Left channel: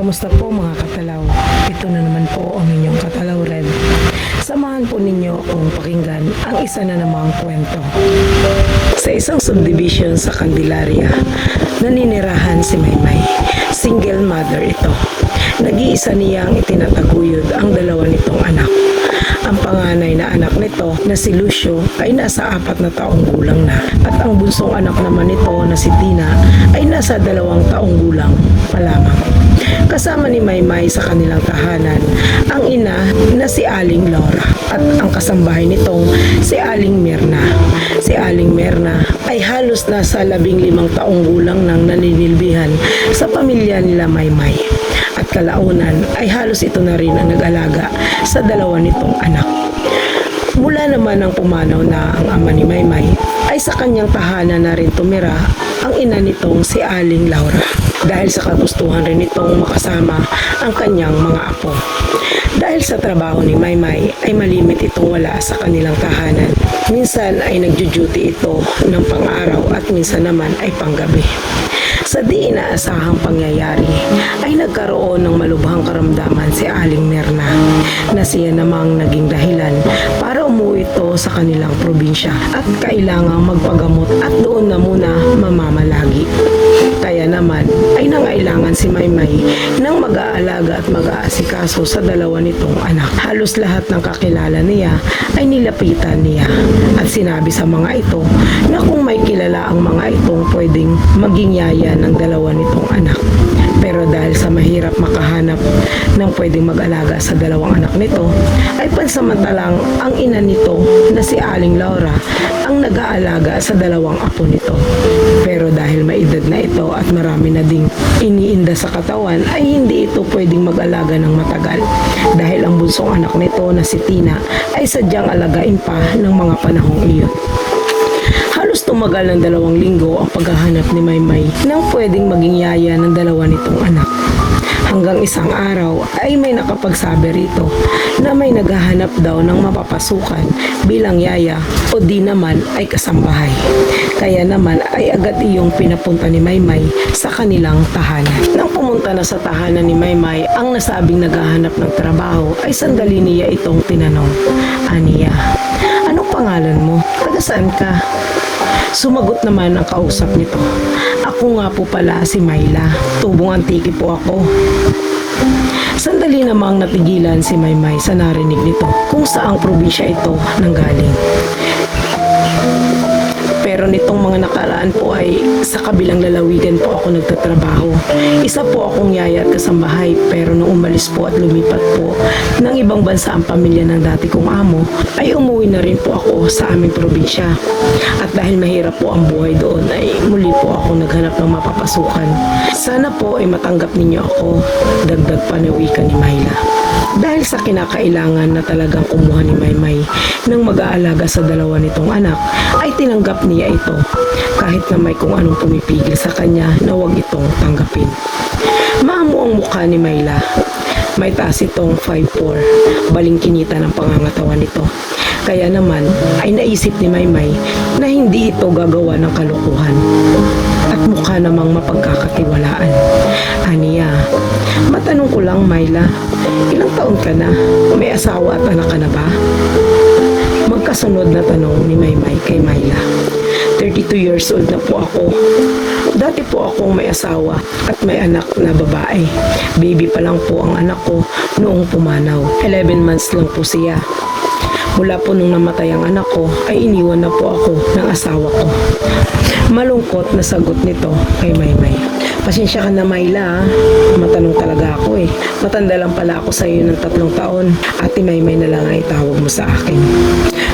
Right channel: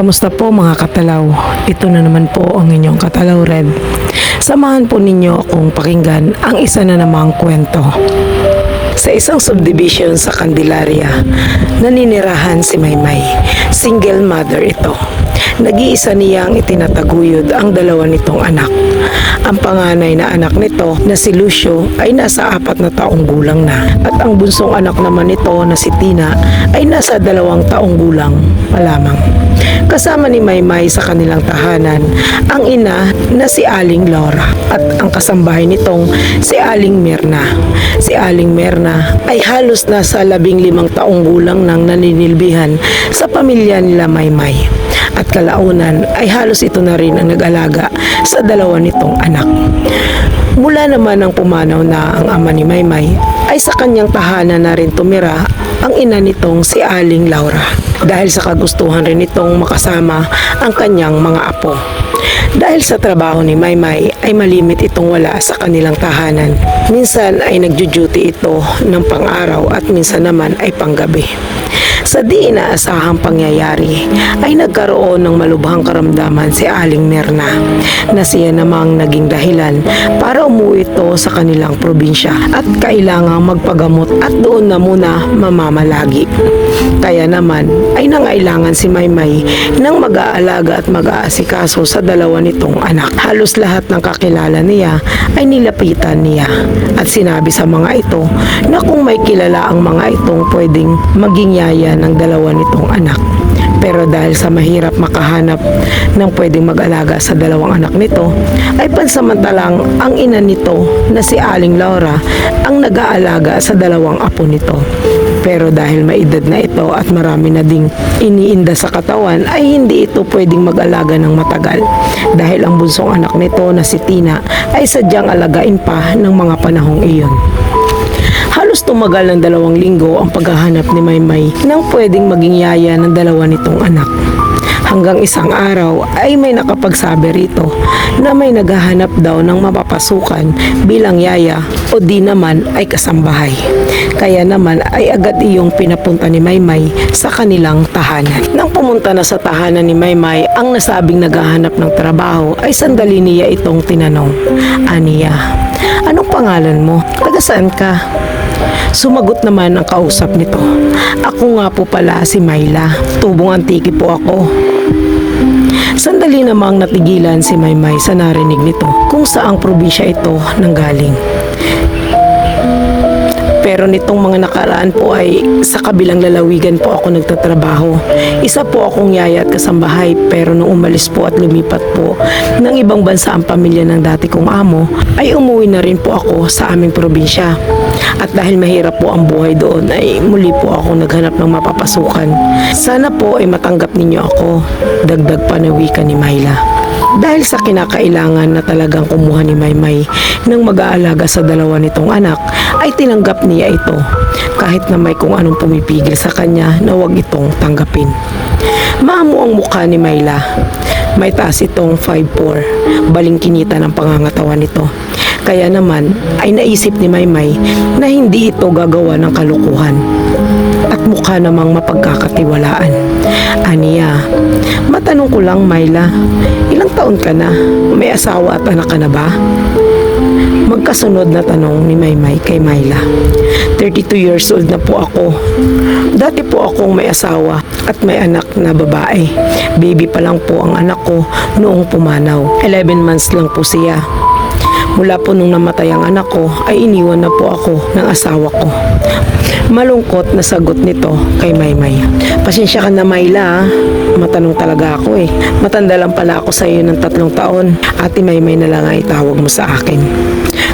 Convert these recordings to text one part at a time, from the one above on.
Kamusta po mga katalaw? Ito na naman po ang inyong Katalaw Red. Samahan po ninyo akong pakinggan ang isa na namang kwento. Sa isang subdivision sa Candelaria, naninirahan si Maymay. Single mother ito. Nag-iisa niyang itinataguyod ang dalawa nitong anak. Ang panganay na anak nito na si Lucio ay nasa 4 na taong gulang na at ang bunsong anak naman nito na si Tina ay nasa 2 taong gulang pa lamang. Kasama ni Maymay sa kanilang tahanan ang ina na si Aling Laura at ang kasambahay nitong si Aling Mirna. Si Aling Mirna ay halos nasa 15 taong gulang nang naninilbihan sa pamilya nila Maymay. At kalaunan ay halos ito na rin ang nag-alaga sa dalawa nitong anak. Mula naman ang pumanaw na ang ama ni Maymay ay sa kanyang tahanan na rin tumira ang ina nitong si Aling Laura dahil sa kagustuhan rin nitong makasama ang kanyang mga apo. Dahil sa trabaho ni Maymay ay malimit itong wala sa kanilang tahanan. Minsan ay nagjo-duty ito ng pang-araw at minsan naman ay panggabi. Sa di inaasahang pangyayari ay nagkaroon ng malubhang karamdaman si Aling Mirna na siya namang naging dahilan para umuwi ito sa kanilang probinsya at kailangang magpagamot at doon na muna mamamalagi. Kaya naman ay nangailangan si Maymay ng mag-aalaga at mag-aasikaso sa dalawa nitong anak. Halos lahat ng kakilala niya ay nilapitan niya at sinabi sa mga ito na kung may kilala ang mga itong pwedeng maging yaya ng dalawa nitong anak. Pero dahil sa mahirap makahanap ng pwedeng mag-alaga sa dalawang anak nito, ay pansamantalang ang ina nito na si Aling Laura ang nag-aalaga sa dalawang apo nito. Pero dahil may edad na ito at marami na ding iniinda sa katawan, ay hindi ito pwedeng mag-alaga ng matagal. Dahil ang bunsong anak nito na si Tina ay sadyang alagain pa ng mga panahong iyon. Halos tumagal ng 2 linggo ang paghahanap ni Maymay ng pwedeng maging yaya ng dalawa nitong anak. Hanggang isang araw ay may nakapagsabi rito na may naghahanap daw ng mapapasukan bilang yaya o di naman ay kasambahay. Kaya naman ay agad iyong pinapunta ni Maymay sa kanilang tahanan. Nang pumunta na sa tahanan ni Maymay ang nasabing naghahanap ng trabaho ay sandali niya itong tinanong. Aniya, anong pangalan mo? Taga saan ka? Sumagot naman ang kausap nito. Ako nga po pala si Mayla. Tubong Antique po ako. Sandali namang natigilan si Maymay sa narinig nito kung saang probinsya ito nanggaling. Pero nitong mga nakaraan po ay sa kabilang lalawigan po ako nagtatrabaho. Isa po akong yaya at kasambahay pero nung umalis po at lumipat po ng ibang bansa ang pamilya ng dati kong amo ay umuwi na rin po ako sa aming probinsya. At dahil mahirap po ang buhay doon ay muli po ako naghanap ng mapapasukan. Sana po ay matanggap ninyo ako, dagdag pa na wika ni Mayla. Dahil sa kinakailangan na talagang kumuha ni Maymay ng mag-aalaga sa dalawa nitong anak, ay tinanggap niya ito kahit na may kung anong pumipigil sa kanya na huwag itong tanggapin. Maamo ang mukha ni Mayla. May taas itong 5'4", balingkinita ng pangangatawan nito. Kaya naman ay naisip ni Maymay na hindi ito gagawa ng kalukuhan at mukha namang mapagkakatiwalaan. Aniya, matanong ko lang Mayla, ilang taon ka na? May asawa at anak ka na ba? Magkasunod na tanong ni Maymay kay Mayla. 32 years old na po ako. Dati po akong may asawa at may anak na babae. Baby pa lang po ang anak ko noong pumanaw. 11 months lang po siya. Mula po nung namatay ang anak ko ay iniwan na po ako ng asawa ko. Malungkot na sagot nito kay Maymay. Pasensya ka na Mayla, matanong talaga ako eh. Matanda lang pala ako sa iyo ng 3 taon. Ate Maymay na lang ang itawag mo sa akin.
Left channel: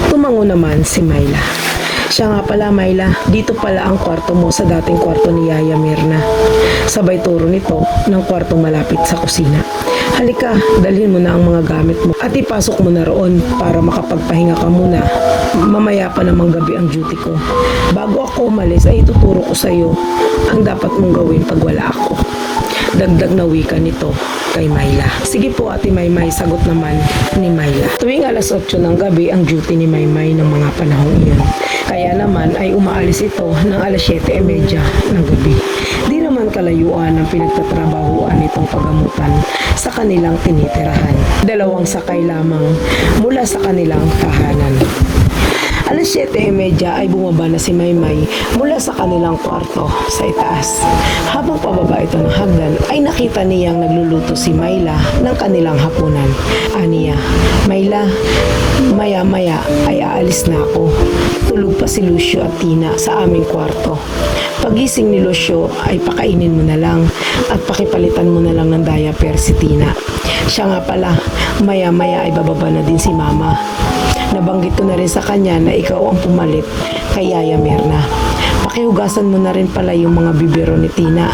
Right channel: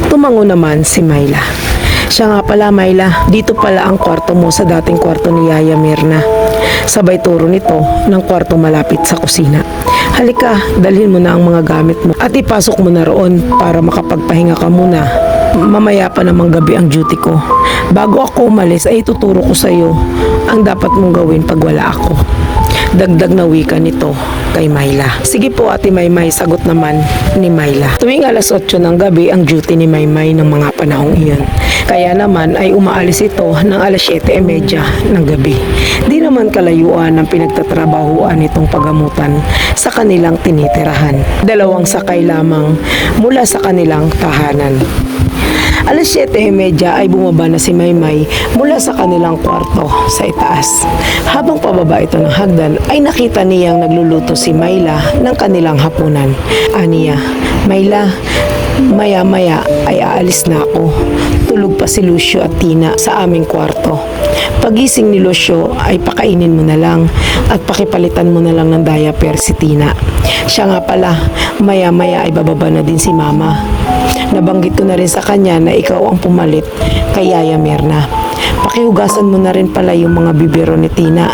Tumango naman si Mayla. Siya nga pala Mayla, dito pala ang kwarto mo sa dating kwarto ni Yaya Mirna. Sabay turo nito ng kwarto malapit sa kusina. Halika, dalhin mo na ang mga gamit mo at ipasok mo na roon para makapagpahinga ka muna. Mamaya pa namang gabi ang duty ko. Bago ako umalis ay ituturo ko sa iyo ang dapat mong gawin pag wala ako. Dagdag na wika nito kay Mayla. Sige po Ate Maymay, sagot naman ni Mayla. Tuwing alas 8 ng gabi ang duty ni Maymay ng mga panahong iyon. Kaya naman ay umaalis ito ng alas 7:30 ng gabi. Di naman naman kalayuan ang pinagtatrabahuan nitong pagamutan sa kanilang tinitirahan. 2 sakay lamang mula sa kanilang tahanan. Alas 7:30 ay bumaba na si Maymay mula sa kanilang kwarto sa itaas. Habang pababa ito ng hagdan ay nakita niyang nagluluto si Mayla ng kanilang hapunan. Aniya, "Mayla, maya-maya ay aalis na ako. Tulog pa si Lucio at Tina sa aming kwarto. Pagising ni Lucio ay pakainin mo na lang at pakipalitan mo na lang ng diaper si Tina. Siya nga pala, maya-maya ay bababa na din si Mama. Nabanggit ko na rin sa kanya na ikaw ang pumalit kay Yaya Mirna. Pakihugasan mo na rin pala yung mga bibiro ni Tina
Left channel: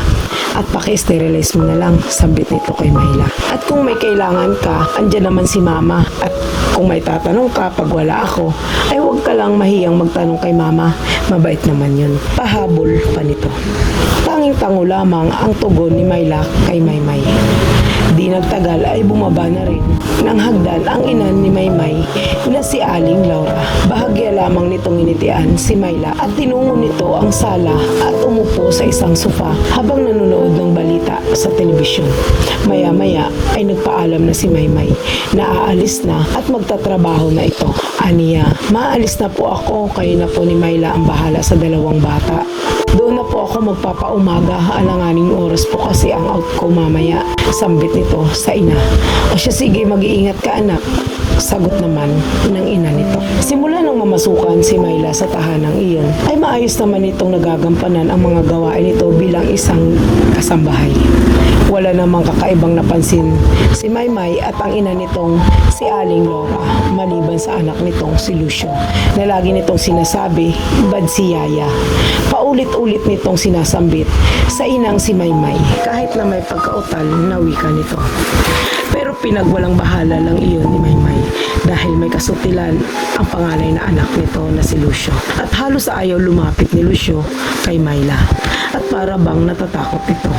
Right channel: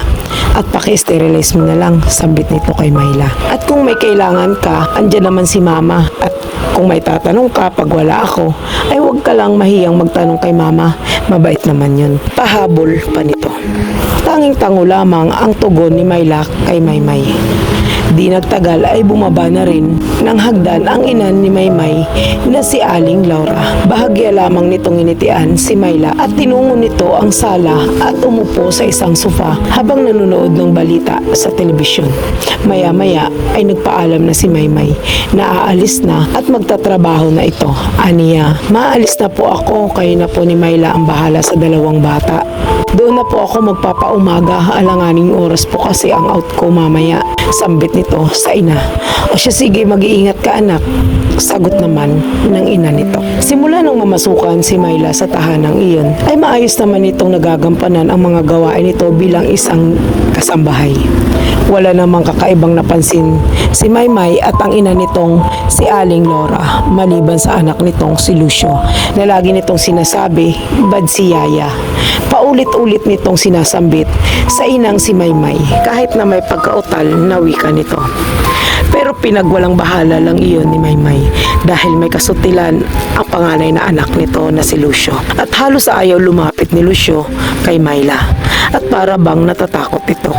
at paki-sterilize mo na lang," sambit nito kay Mayla. "At kung may kailangan ka, andyan naman si Mama. At kung may tatanong ka pag wala ako, ay huwag ka lang mahiyang magtanong kay Mama. Mabait naman yun." Pahabol pa nito. Tanging tango lamang ang tugon ni Mayla kay Maymay. Di nagtagal ay bumaba na rin ng hagdan ang ina ni Maymay na si Aling Laura. Bahagya lamang nitong initian si Mayla at tinungo nito ang sala at umupo sa isang sofa habang nanonood ng balita sa telebisyon. Maya-maya ay nagpaalam na si Maymay na aalis na at magtatrabaho na ito. Aniya, "Maalis na po ako, kayo na po ni Mayla ang bahala sa 2 bata. Doon na po ako magpapaumaga, alanganing oras po kasi ang out ko mamaya," sambit nito sa ina. "O siya, sige, mag-iingat ka anak," sagot naman ng ina nito. Simula nang mamasukan si Mayla sa tahanang iyon, ay maayos naman itong nagagampanan ang mga gawain nito bilang isang kasambahay. Wala namang kakaibang napansin si Maymay at ang ina nitong si Aling Laura, maliban sa anak nitong si Lucio, na lagi nitong sinasabi, "Bad si Yaya." Paulit-ulit nitong sinasambit sa inang si Maymay kahit na may pagkautal na wika nito. Pero pinagwalang bahala lang iyon ni Maymay dahil may kasutilan ang panganay na anak nito na si Lucio at halos ayaw lumapit ni Lucio kay Mayla at para bang natatakot ito.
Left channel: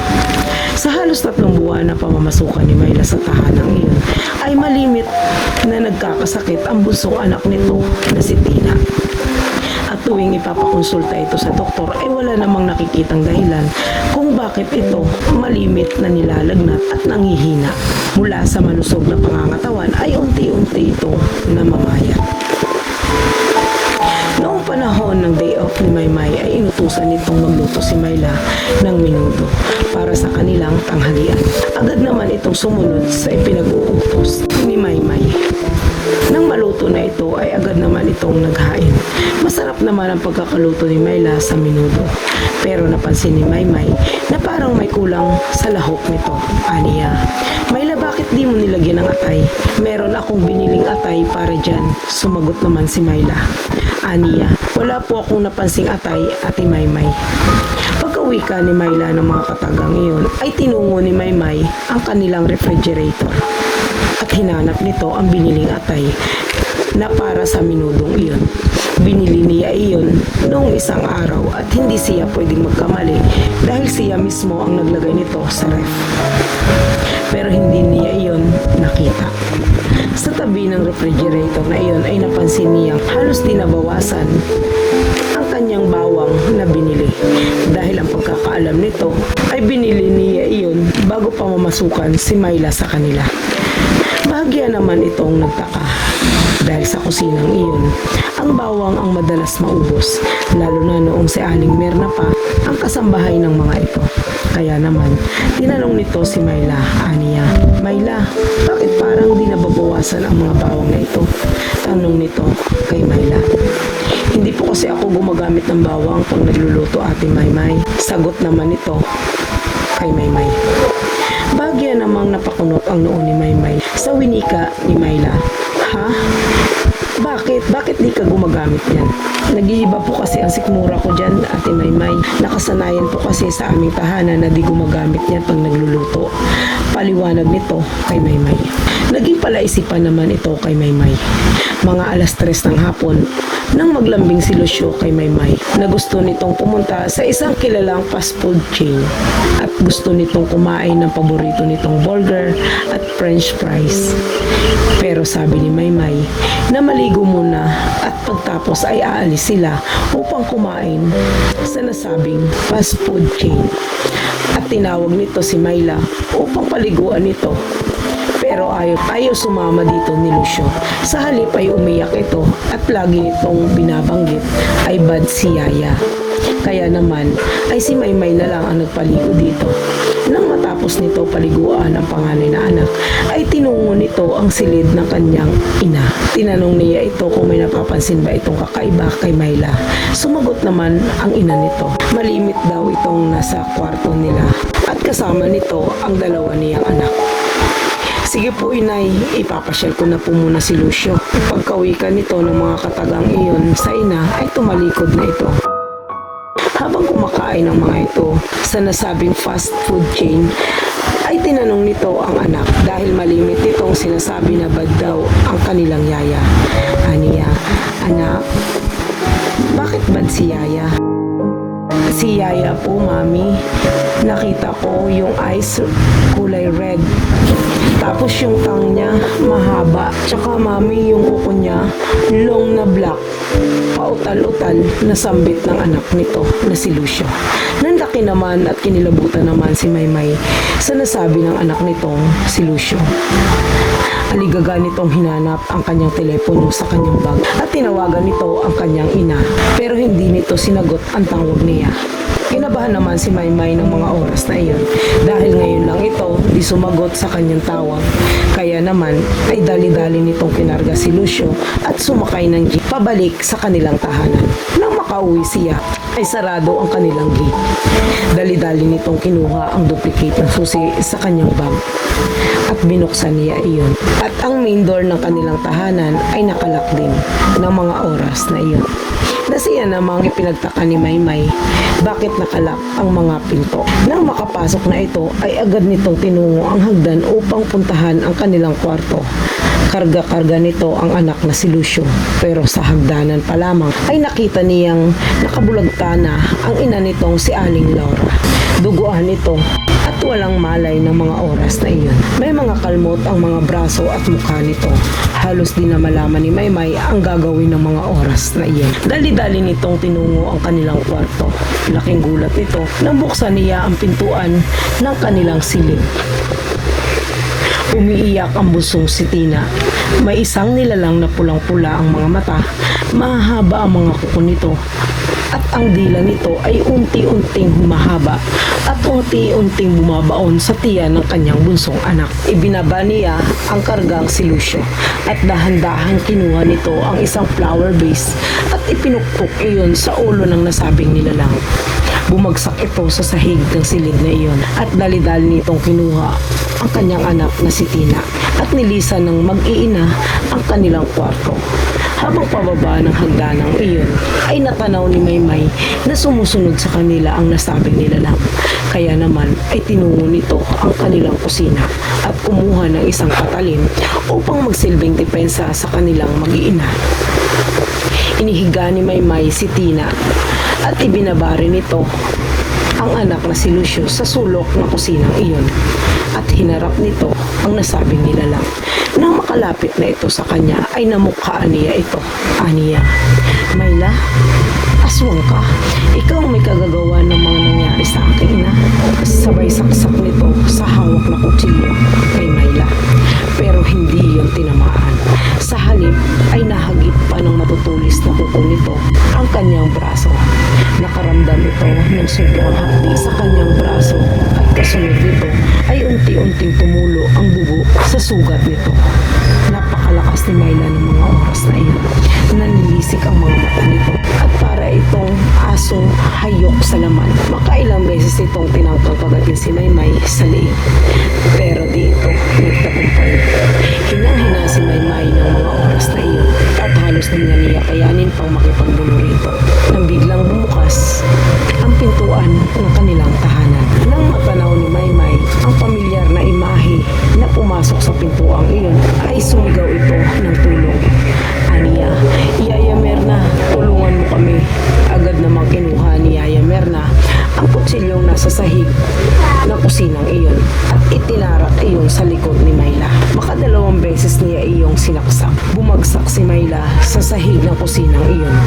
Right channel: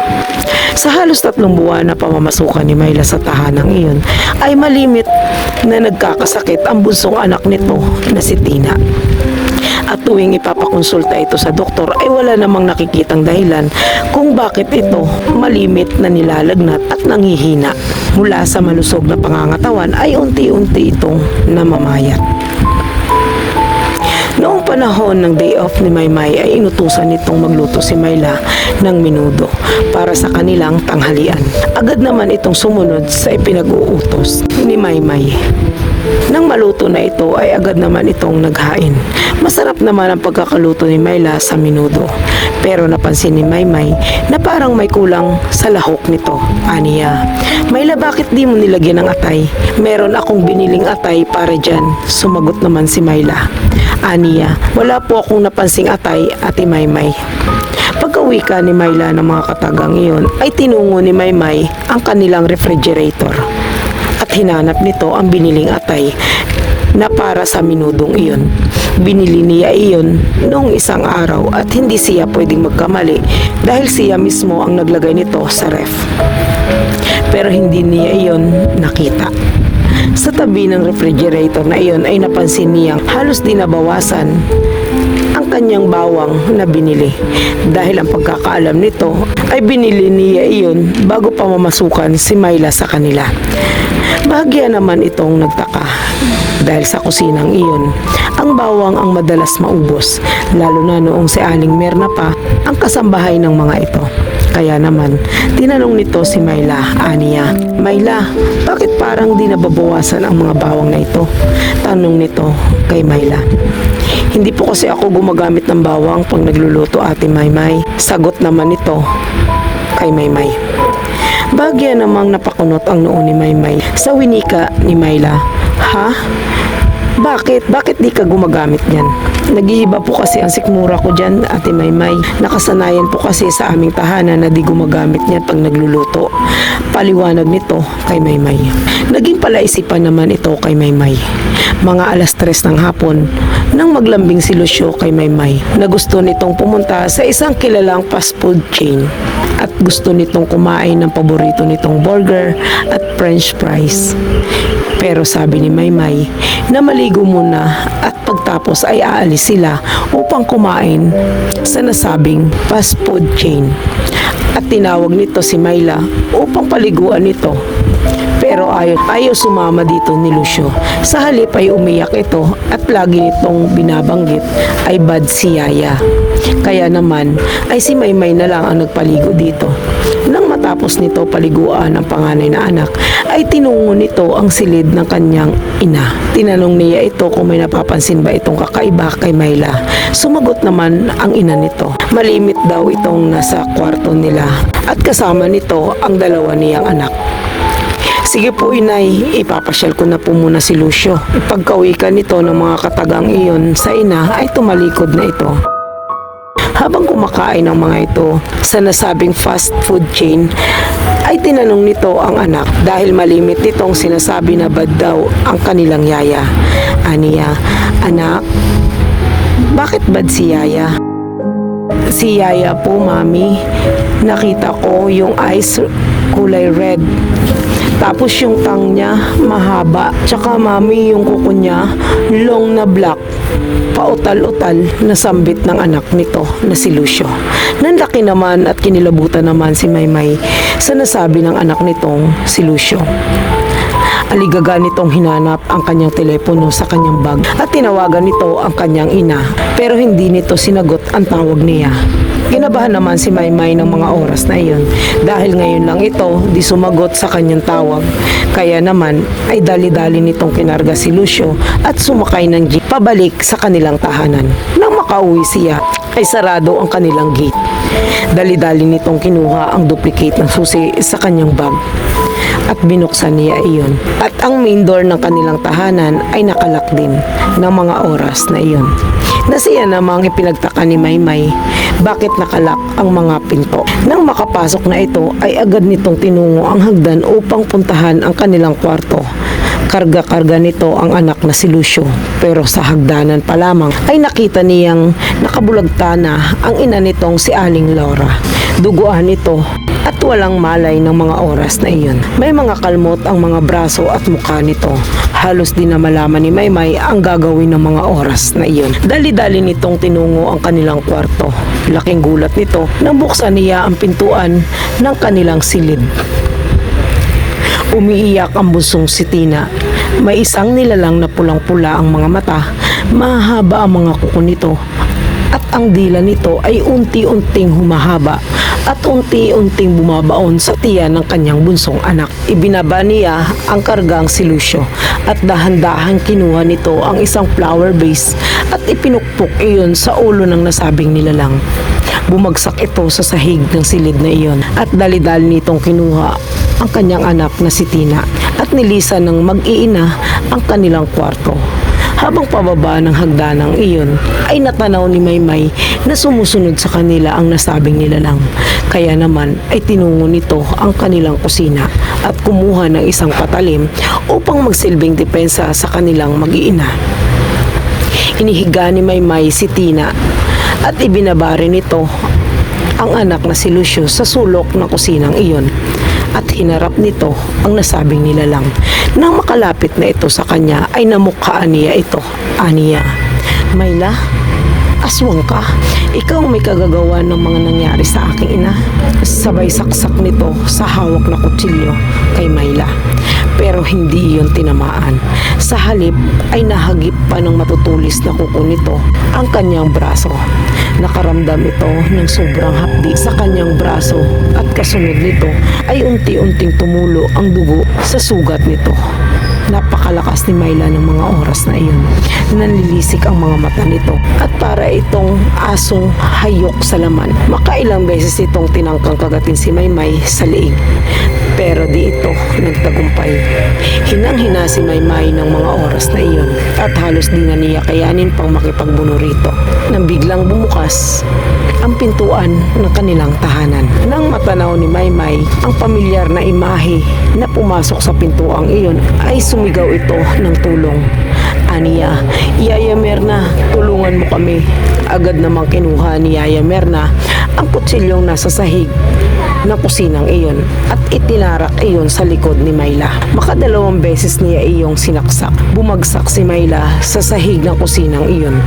Sa halos 3 buwan na pamamasukan ni Mayla sa tahanang iyon ay malimit na nagkakasakit ang bunsong anak nito na si Tina. At tuwing ipapakonsulta ito sa doktor ay wala namang nakikitang dahilan kung bakit ito malimit na nilalagnat at nanghihina. Mula sa malusog na pangangatawan ay unti-unti itong namamayat. Noong panahon ng day off ni Maymay ay inutusan nitong magluto si Mayla ng menudo para sa kanilang tanghalian. Agad naman itong sumunod sa ipinag-uutos ni Maymay. Nang maluto na ito ay agad naman itong naghain. Masarap naman ang pagkakaluto ni Mayla sa menudo. Pero napansin ni Maymay na parang may kulang sa lahok nito. Aniya, "Mayla, bakit di mo nilagyan ng atay? Meron akong biniling atay para dyan," sumagot naman si Mayla. Aniya, "Wala po akong napansing atay, Ate Maymay." Pagkawika ni Mayla ng mga katagang iyon ay tinungo ni Maymay ang kanilang refrigerator at hinanap nito ang biniling atay na para sa minudong iyon. Binili niya iyon noong isang araw at hindi siya pwedeng magkamali dahil siya mismo ang naglagay nito sa ref. Pero hindi niya iyon nakita. Sa tabi ng refrigerator na iyon ay napansin niyang halos di nabawasan ang kanyang bawang na binili. Dahil ang pagkakaalam nito ay binili niya iyon bago pa mamasukan si Mayla sa kanila. Bahagya naman itong nagtaka dahil sa kusinang iyon, ang bawang ang madalas maubos, lalo na noong si Aling Mirna pa ang kasambahay ng mga ito. Kaya naman, tinanong nito si Mayla. Aniya, "Mayla, bakit parang di nababawasan ang mga bawang na ito?" Tanong nito kay Mayla. "Hindi po kasi ako gumagamit ng bawang pag nagluluto, Ate Maymay," sagot naman nito kay Maymay. Bagya namang napakunot ang noo ni Maymay sa winika ni Mayla. "Ha? Bakit? Bakit di ka gumagamit niyan?" "Nag-iiba po kasi ang sikmura ko dyan, Ate Maymay. Nakasanayan po kasi sa aming tahanan na di gumagamit niyan pag nagluluto," paliwanag nito kay Maymay. Naging palaisipan naman ito kay Maymay. Mga alas 3 ng hapon, nang maglambing si Lucio kay Maymay na gusto nitong pumunta sa isang kilalang fast food chain at gusto nitong kumain ng paborito nitong burger at french fries. Pero sabi ni Maymay na maligo muna at pagtapos ay aalis sila upang kumain sa nasabing fast food chain. At tinawag nito si Myla upang paliguan ito. Pero ayaw sumama dito ni Lucio. Sa halip ay umiyak ito at lagi nitong binabanggit ay bad si Yaya. Kaya naman ay si Maymay na lang ang nagpaligo dito. Nang matapos nito paliguan ang panganay na anak, ay tinungo nito ang silid ng kanyang ina. Tinanong niya ito kung may napapansin ba itong kakaiba kay Myla. Sumagot naman ang ina nito. Malimit daw itong nasa kwarto nila at kasama nito ang dalawa niyang anak. Sige po inay, ipapasyal ko na po muna si Lucio. Ipagkawikan nito ng mga katagang iyon sa ina ay tumalikod na ito. Habang kumakain ng mga ito sa nasabing fast food chain, ay tinanong nito ang anak dahil malimit nitong sinasabi na bad daw ang kanilang yaya. Aniya, anak, bakit bad si Yaya? Si Yaya po, mami. Nakita ko yung eyes kulay red. Tapos yung tongue niya mahaba. Tsaka mami, yung kuko niya long na black. Pautal-utal na sambit ng anak nito na si Lucio. Nanlaki naman at kinilabutan naman si Maymay sa nasabi ng anak nitong si Lucio. Aligaga nitong hinanap ang kanyang telepono sa kanyang bag at tinawagan nito ang kanyang ina. Pero hindi nito sinagot ang tawag niya. Kinabahan naman si Maymay ng mga oras na iyon dahil ngayon lang ito di sumagot sa kanyang tawag. Kaya naman ay dali-dali nitong pinarga si Lucio at sumakay ng jeep pabalik sa kanilang tahanan. Nang makauwi siya ay sarado ang kanilang gate. Dali-dali nitong kinuha ang duplicate ng susi sa kanyang bag at binuksan niya iyon. At ang main door ng kanilang tahanan ay nakalak din ng mga oras na iyon. Nasiya namang ipinagtaka ni Maymay bakit nakalak ang mga pinto. Nang makapasok na ito ay agad nitong tinungo ang hagdan upang puntahan ang kanilang kwarto. Karga-karga nito ang anak na si Lucio. Pero sa hagdanan pa lamang ay nakita niyang nakabulagta na ang ina nitong si Aling Laura. Duguan ito at walang malay ng mga oras na iyon. May mga kalmot ang mga braso at mukha nito. Halos di na malaman ni Maymay ang gagawin ng mga oras na iyon. Dali-dali nitong tinungo ang kanilang kwarto. Laking gulat nito nang buksan niya ang pintuan ng kanilang silid. Umiiyak ang busong si Tina. May isang nilalang na pulang-pula ang mga mata, mahaba ang mga kuko nito, at ang dila nito ay unti-unting humahaba at unti-unting bumabaon sa tiyan ng kanyang bunsong anak. Ibinaba niya ang kargang si Lucio at dahan-dahan kinuha nito ang isang flower vase at ipinukpok iyon sa ulo ng nasabing nilalang. Bumagsak ito sa sahig ng silid na iyon at dali-dali nitong kinuha ang kanyang anak na si Tina at nilisan ng mag-iina ang kanilang kwarto. Habang pababa ng hagdanang iyon, ay natanaw ni Maymay na sumusunod sa kanila ang nasabing nilalang. Kaya naman ay tinungo nito ang kanilang kusina at kumuha ng isang patalim upang magsilbing depensa sa kanilang mag-iina. Inihiga ni Maymay si Tina at ibinaba rin nito ang anak na si Lucio sa sulok ng kusinang iyon at hinarap nito ang nasabing nilalang. Nang makalapit na ito sa kanya ay namukhaan niya ito. Aniya, Myla, aswang ka. Ikaw may kagagawa ng mga nangyari sa aking ina. Sabay saksak nito sa hawak na kutsilyo kay Myla. Pero hindi iyon tinamaan. Sa halip ay nahagip pa ng matutulis na kuko nito ang kanyang braso. Nakaramdam ito ng sobrang hapdi sa kanyang braso at kasunod nito ay unti-unting tumulo ang dugo sa sugat nito. Napakalakas ni Myla ng mga oras na iyon. Nanlilisik ang mga mata nito at para itong asong hayok sa laman. Makailang beses itong tinangkang kagatin si Maymay sa liig. Pero di ito nagtagumpay. Hinang-hina si Maymay ng mga oras na iyon at halos di na niya kayanin pang makipagbuno rito. Nang biglang bumukas ang pintuan ng kanilang tahanan. Nang matanaw ni Maymay ang pamilyar na imahe na pumasok sa pintuang iyon ay sumigaw ito ng tulong. Aniya, Yaya Merna, tulungan mo kami. Agad namang kinuha ni Yaya Merna ang kutsilyong nasa sahig ng kusinang iyon at itinarak iyon sa likod ni Mayla. Makadalawang beses niya iyong sinaksak. Bumagsak si Mayla sa sahig ng kusinang iyon.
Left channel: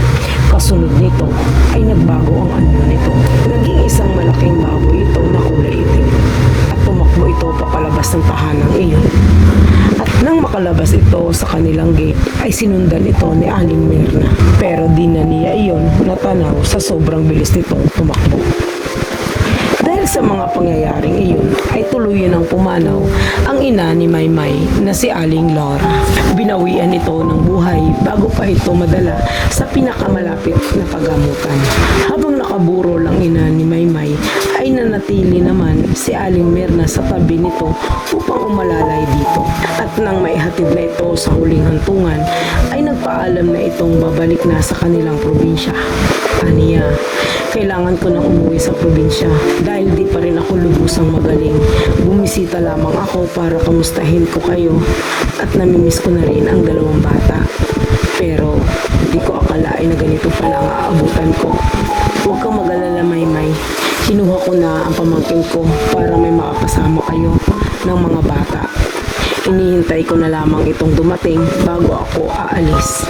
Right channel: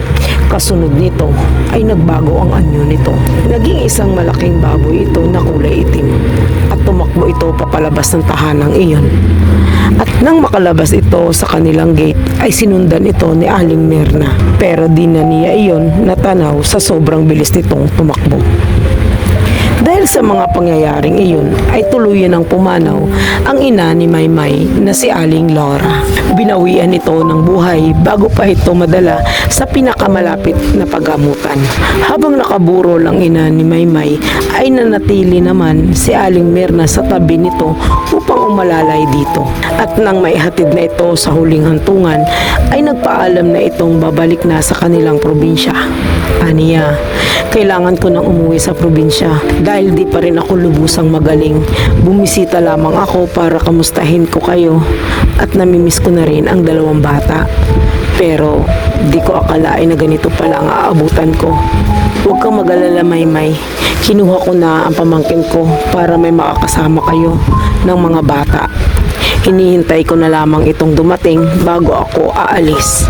Kasunod nito ay nagbago ang anyo nito. Naging isang malaking baboy ito na kulay itim at tumakbo ito papalabas ng tahanang iyon. At nang makalabas ito sa kanilang gate ay sinundan ito ni Aling Merna. Pero di na niya iyon natanaw sa sobrang bilis nitong tumakbo. Dahil sa mga pangyayaring iyon ay tuluyan ng pumanaw ang ina ni Maymay na si Aling Laura. Binawian ito ng buhay bago pa ito madala sa pinakamalapit na paggamutan. Habang nakaburo lang ina ni Maymay ay nanatili naman si Aling Merna sa tabi nito upang umalalay dito. At nang maihatid na ito sa huling hantungan ay nagpaalam na itong babalik na sa kanilang probinsya. Aniya, kailangan ko nang umuwi sa probinsya dahil di pa rin ako lubusang magaling. Bumisita lamang ako para kamustahin ko kayo at namimiss ko na rin ang dalawang bata. Pero di ko akalain na ganito pala ang aabutan ko. Huwag kang mag-alala, Maymay. Kinuha ko na ang pamangkin ko para may makakasama kayo ng mga bata. Hinihintay ko na lamang itong dumating bago ako aalis.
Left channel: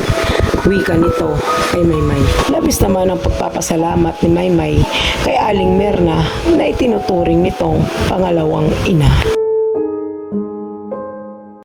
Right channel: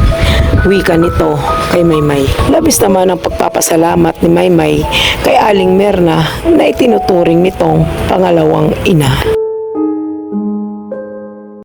Wika nito kay Maymay. Labis naman ang pagpapasalamat ni Maymay kay Aling Merna na itinuturing nitong pangalawang ina.